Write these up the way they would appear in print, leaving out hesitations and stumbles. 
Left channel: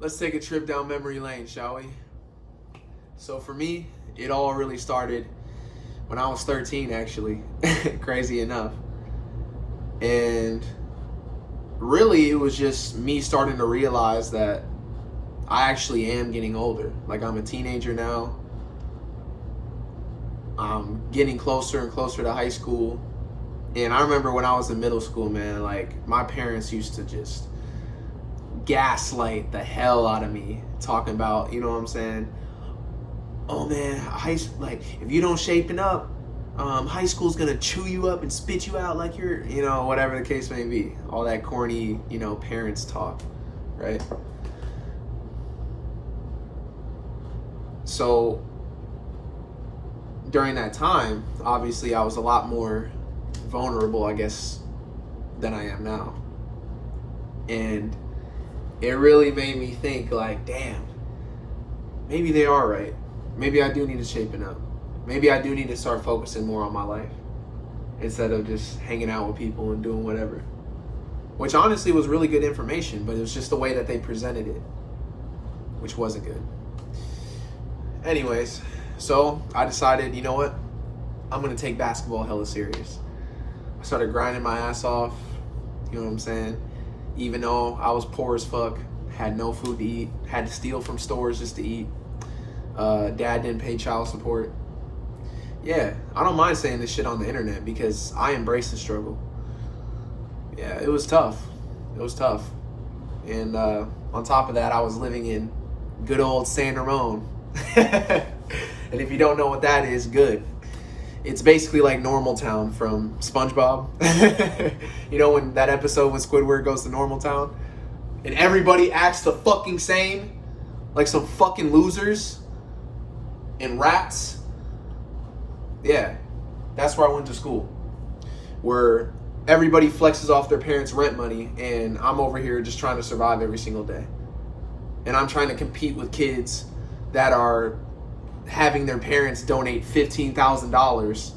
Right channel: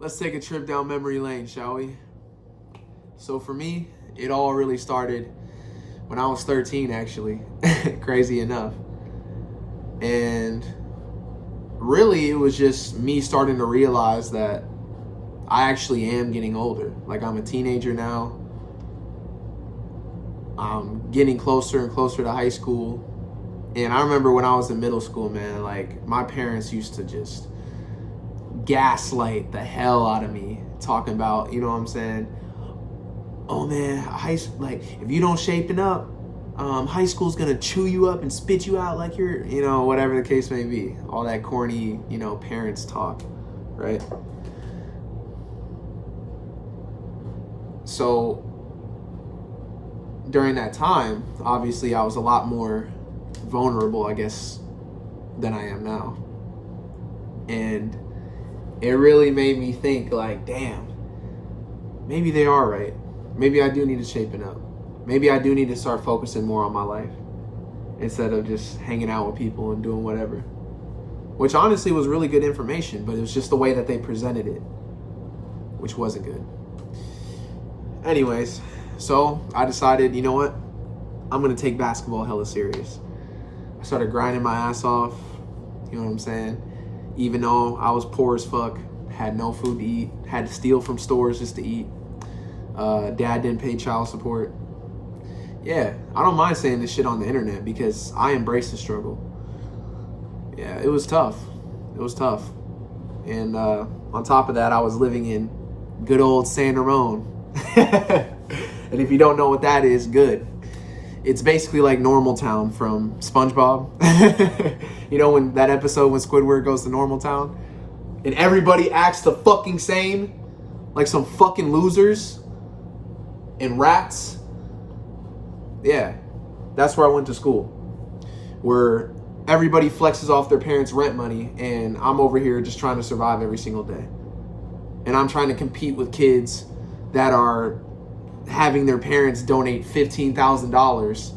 Let's take a trip down memory lane, shall we? So for me, it all really started when I was 13, actually, crazy enough. And really, it was just me starting to realize that I actually am getting older. Like, I'm a teenager now. I'm getting closer and closer to high school. And I remember when I was in middle school, man, like, my parents used to just gaslight the hell out of me, talking about, you know what I'm saying? Oh man, if you don't shaping up, high school's gonna chew you up and spit you out like you're, whatever the case may be. All that corny, parents talk, right? So during that time, obviously I was a lot more vulnerable, I guess, than I am now. And it really made me think, like, damn, maybe they are right. Maybe I do need to shapen up. Maybe I do need to start focusing more on my life instead of just hanging out with people and doing whatever. Which honestly was really good information, but it was just the way that they presented it, which wasn't good. Anyways, so I decided, you know what? I'm going to take basketball hella serious. I started grinding my ass off, you know what I'm saying? Even though I was poor as fuck, had no food to eat, had to steal from stores just to eat. Dad didn't pay child support. Yeah, I don't mind saying this shit on the internet because I embrace the struggle. Yeah, it was tough. It was tough. And on top of that, I was living in good old San Ramon. And if you don't know what that is, good. It's basically like Normal Town from SpongeBob. You know, when that episode when Squidward goes to Normal Town and everybody acts the fucking same, like some fucking losers and rats. Yeah, that's where I went to school, where everybody flexes off their parents' rent money and I'm over here just trying to survive every single day. And I'm trying to compete with kids that are having their parents donate $15,000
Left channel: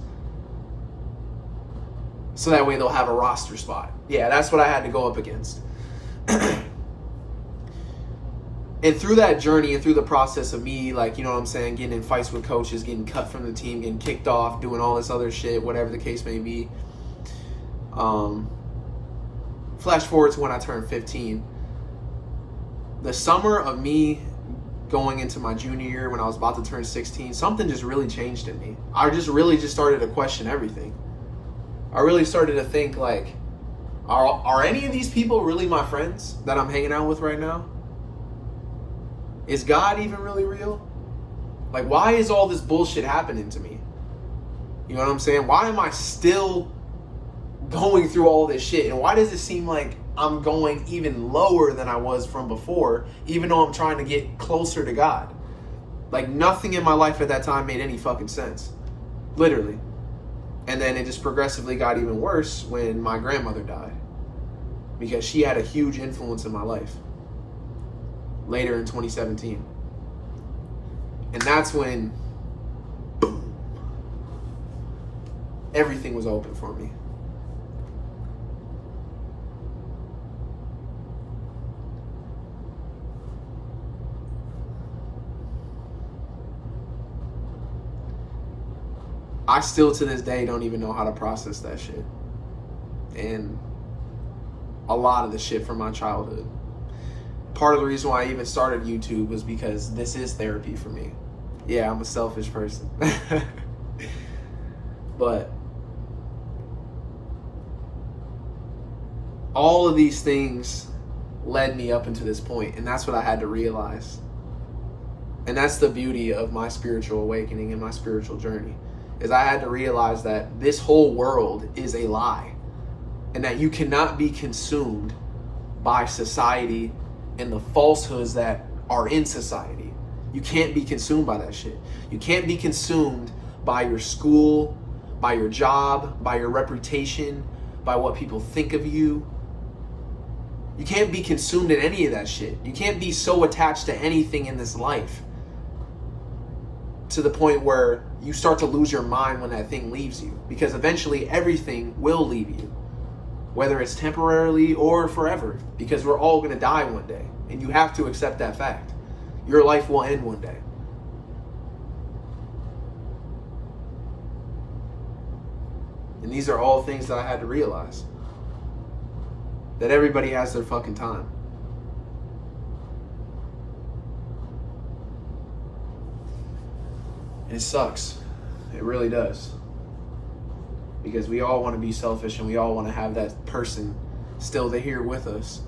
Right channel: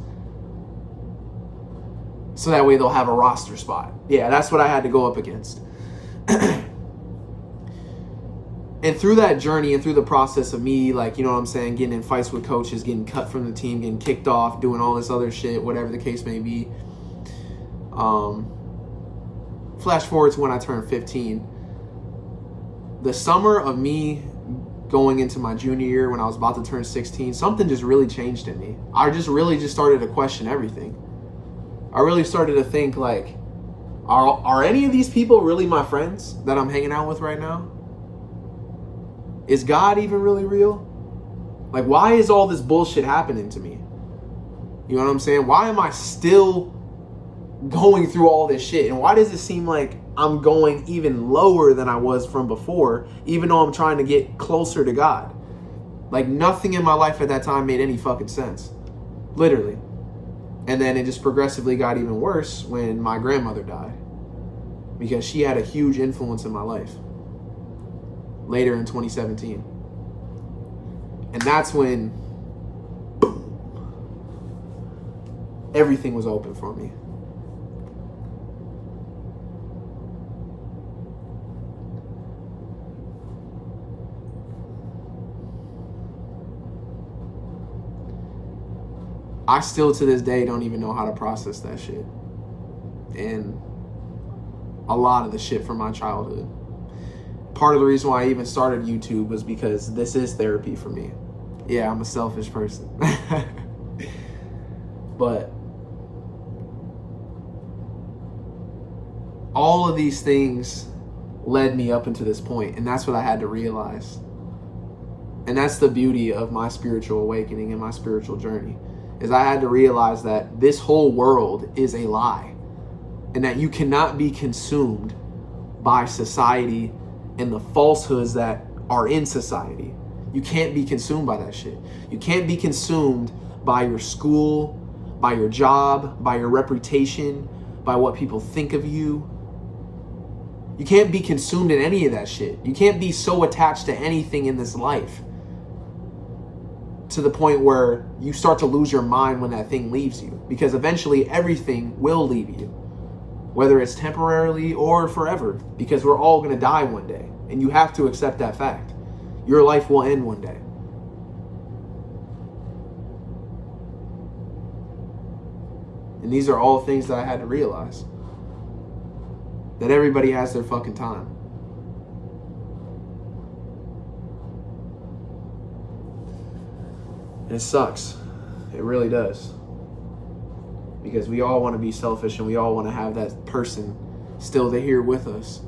so that way they'll have a roster spot. Yeah, that's what I had to go up against. And through that journey and through the process of me, like, you know what I'm saying, getting in fights with coaches, getting cut from the team, getting kicked off, doing all this other shit, whatever the case may be. Flash forward to when I turned 15. The summer of me going into my junior year, when I was about to turn 16, something just really changed in me. I just started to question everything. I really started to think, like, are any of these people really my friends that I'm hanging out with right now? Is God even really real? Like, why is all this bullshit happening to me? You know what I'm saying? Why am I still going through all this shit? And why does it seem like I'm going even lower than I was from before, even though I'm trying to get closer to God? Like, nothing in my life at that time made any fucking sense. Literally. And then it just progressively got even worse when my grandmother died, because she had a huge influence in my life later in 2017. And that's when, boom, everything was open for me. I still to this day don't even know how to process that shit. And a lot of the shit from my childhood. Part of the reason why I even started YouTube was because this is therapy for me. Yeah, I'm a selfish person. But all of these things led me up into this point, and that's what I had to realize. And that's the beauty of my spiritual awakening and my spiritual journey, is I had to realize that this whole world is a lie, and that you cannot be consumed by society and the falsehoods that are in society. You can't be consumed by that shit. You can't be consumed by your school, by your job, by your reputation, by what people think of you. You can't be consumed in any of that shit. You can't be so attached to anything in this life to the point where you start to lose your mind when that thing leaves you, because eventually everything will leave you, whether it's temporarily or forever, because we're all going to die one day. and you have to accept that fact. Your life will end one day. And these are all things that I had to realize. That everybody has their fucking time. And it sucks. It really does. Because we all want to be selfish and we all want to have that person still here with us.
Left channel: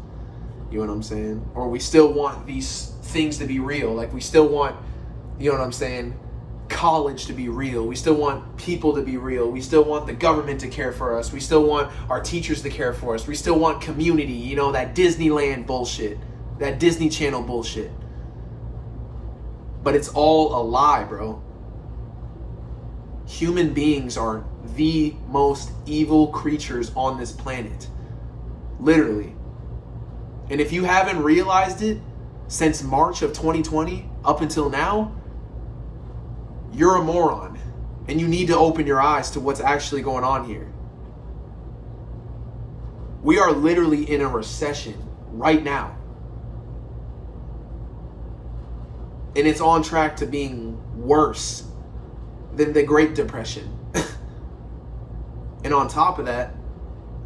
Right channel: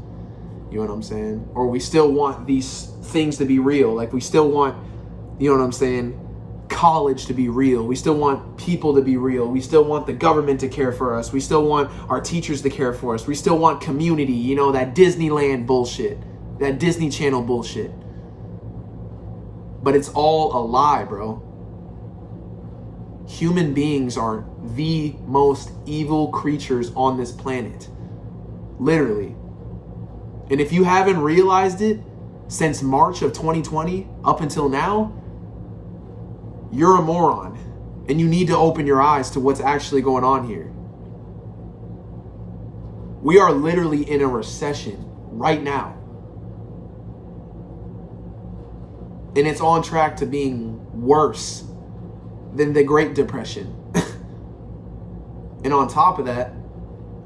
You know what I'm saying? Or we still want these things to be real. Like we still want, you know what I'm saying, college to be real. We still want people to be real. We still want the government to care for us. We still want our teachers to care for us. We still want community, you know, that Disneyland bullshit, that Disney Channel bullshit. But it's all a lie, bro. Human beings are the most evil creatures on this planet. Literally. And if you haven't realized it since March of 2020 up until now, you're a moron. And you need to open your eyes to what's actually going on here. We are literally in a recession right now. And it's on track to being worse than the Great Depression. And on top of that,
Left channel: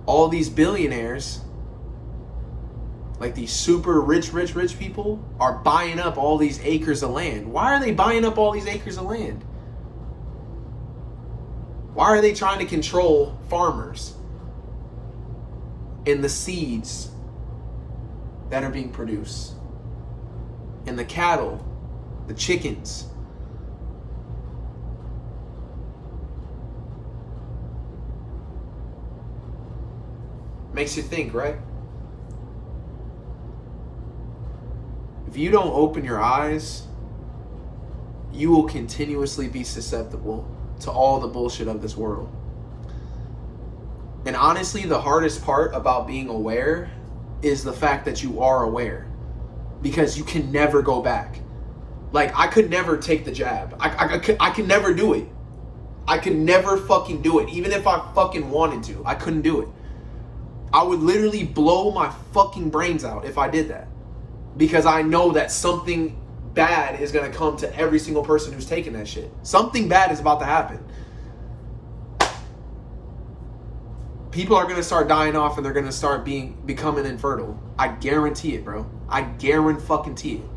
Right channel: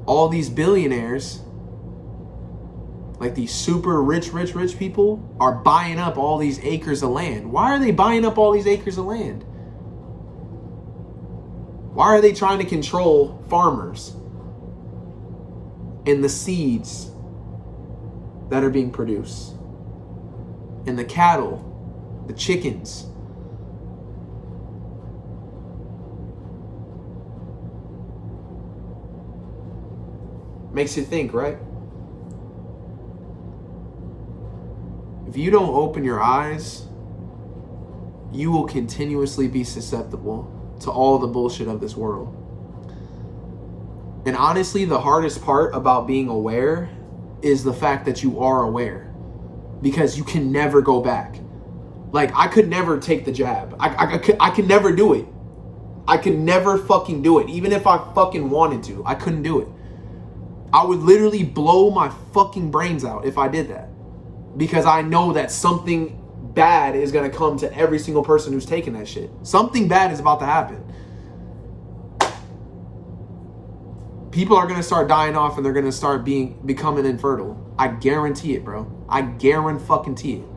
all these billionaires, like these super rich people, are buying up all these acres of land. Why are they buying up all these acres of land? Why are they trying to control farmers and the seeds that are being produced? And the cattle, the chickens. Makes you think, right? If you don't open your eyes, you will continuously be susceptible to all the bullshit of this world. And honestly, the hardest part about being aware is the fact that you are aware. Because you can never go back. Like, I could never take the jab. I could never do it. I could never fucking do it. Even if I fucking wanted to, I couldn't do it. I would literally blow my fucking brains out if I did that. Because I know that something bad is going to come to every single person who's taking that shit. Something bad is about to happen. People are going to start dying off and they're going to start becoming infertile. I guarantee it, bro. I guarantee it.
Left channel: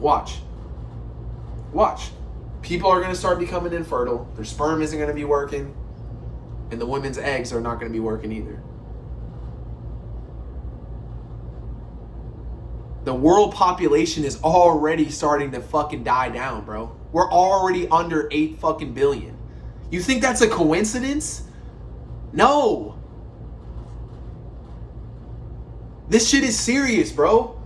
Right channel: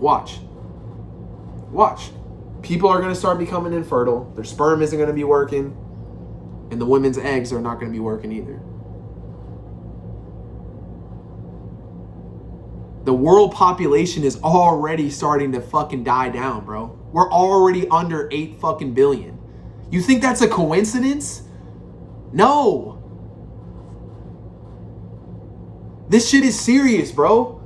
Watch. People are going to start becoming infertile. Their sperm isn't going to be working. And the women's eggs are not going to be working either. The world population is already starting to fucking die down, bro. We're already under 8 fucking billion. You think that's a coincidence? No. This shit is serious, bro.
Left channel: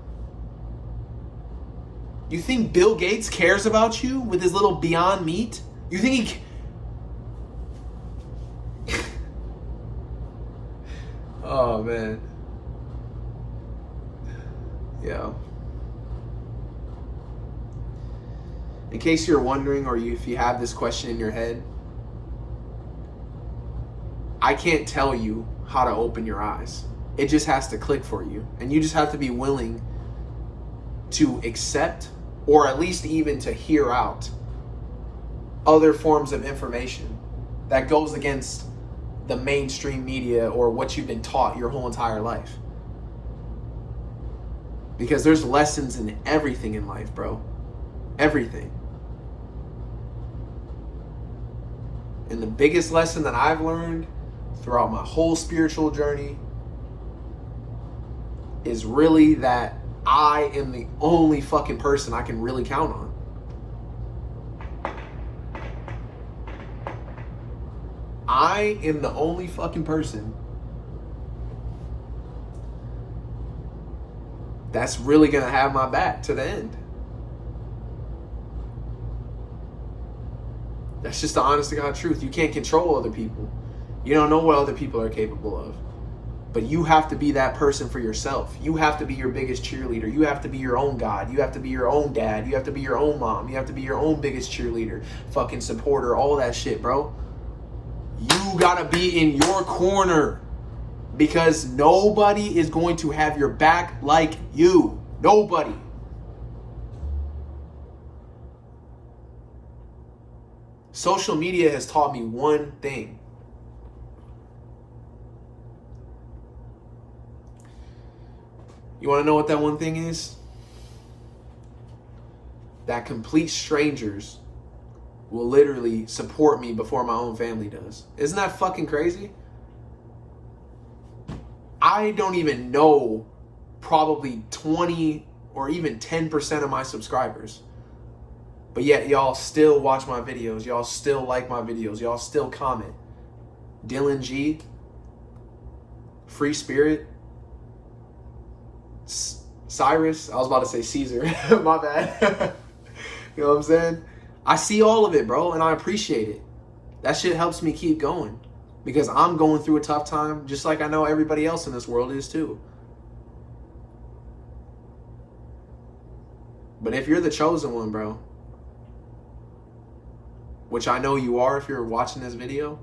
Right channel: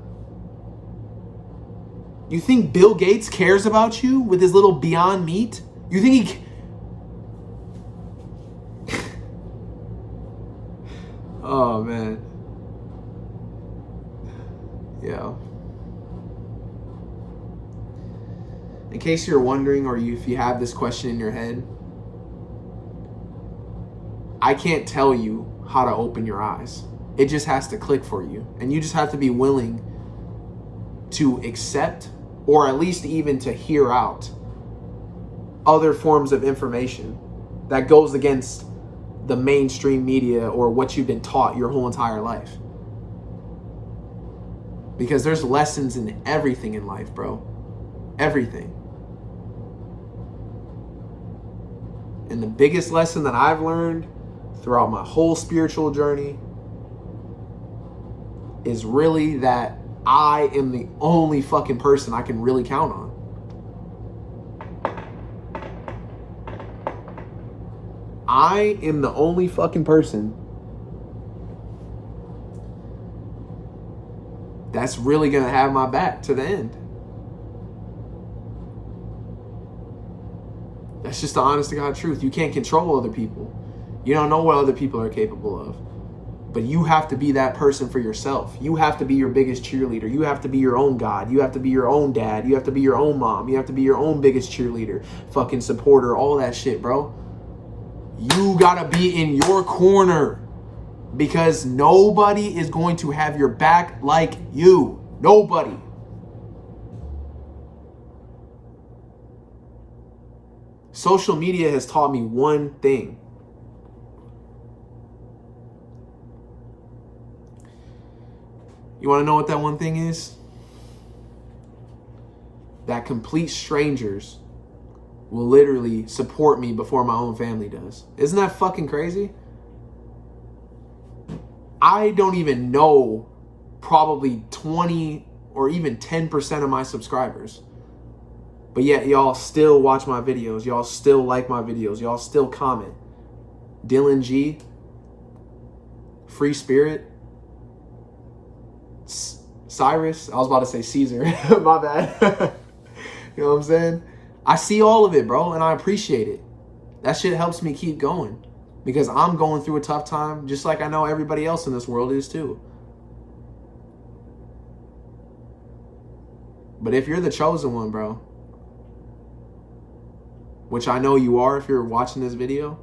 You think Bill Gates cares about you with his little Beyond Meat? You think he... Oh, man. Yeah. In case you're wondering, or if you have this question in your head, I can't tell you how to open your eyes. It just has to click for you. And you just have to be willing to accept, or at least even to hear out, other forms of information that goes against the mainstream media or what you've been taught your whole entire life. Because there's lessons in everything in life, bro. Everything. And the biggest lesson that I've learned throughout my whole spiritual journey is really that I am the only fucking person I can really count on. I am the only fucking person that's really going to have my back to the end. That's just the honest to God truth. You can't control other people. You don't know what other people are capable of. But you have to be that person for yourself. You have to be your biggest cheerleader. You have to be your own God. You have to be your own dad. You have to be your own mom. You have to be your own biggest cheerleader, fucking supporter, all that shit, bro. You gotta be in your corner. Because nobody is going to have your back like you. Nobody. Social media has taught me one thing. You want to know what that one thing is? That complete strangers will literally support me before my own family does. Isn't that fucking crazy? I don't even know probably 20 or even 10% of my subscribers. But yet y'all still watch my videos. Y'all still like my videos. Y'all still comment. Dylan G, Free Spirit, Cyrus. I was about to say Caesar. My bad. You know what I'm saying? I see all of it, bro, and I appreciate it. That shit helps me keep going because I'm going through a tough time just like I know everybody else in this world is too. But if you're the chosen one, bro, which I know you are if you're watching this video,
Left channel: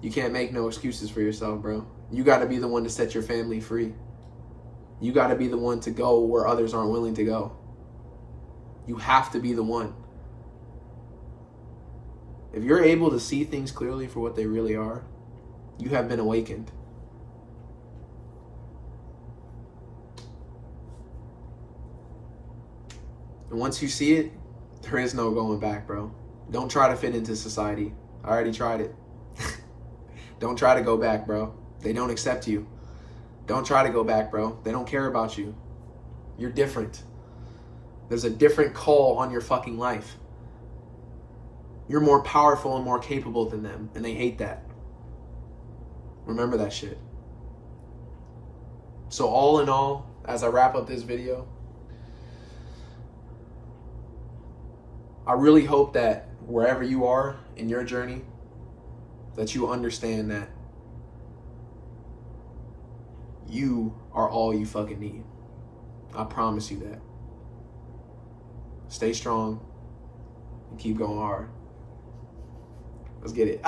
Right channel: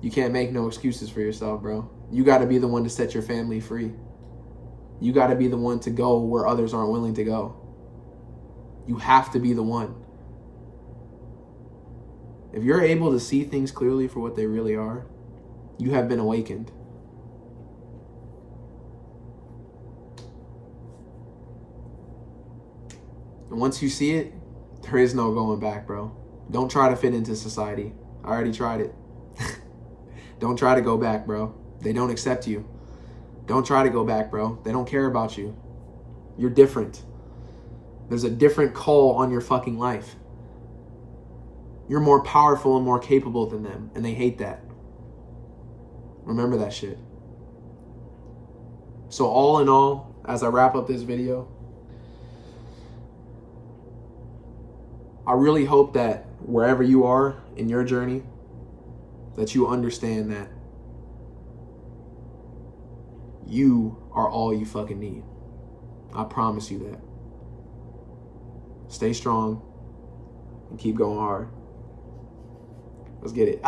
you can't make no excuses for yourself, bro. You got to be the one to set your family free. You got to be the one to go where others aren't willing to go. You have to be the one. If you're able to see things clearly for what they really are, you have been awakened. And once you see it, there is no going back, bro. Don't try to fit into society. I already tried it. Don't try to go back, bro. They don't accept you. Don't try to go back, bro. They don't care about you. You're different. There's a different call on your fucking life. You're more powerful and more capable than them, and they hate that. Remember that shit. So all in all, as I wrap up this video, I really hope that wherever you are in your journey, that you understand that you are all you fucking need. I promise you that. Stay strong and keep going hard. Let's get it.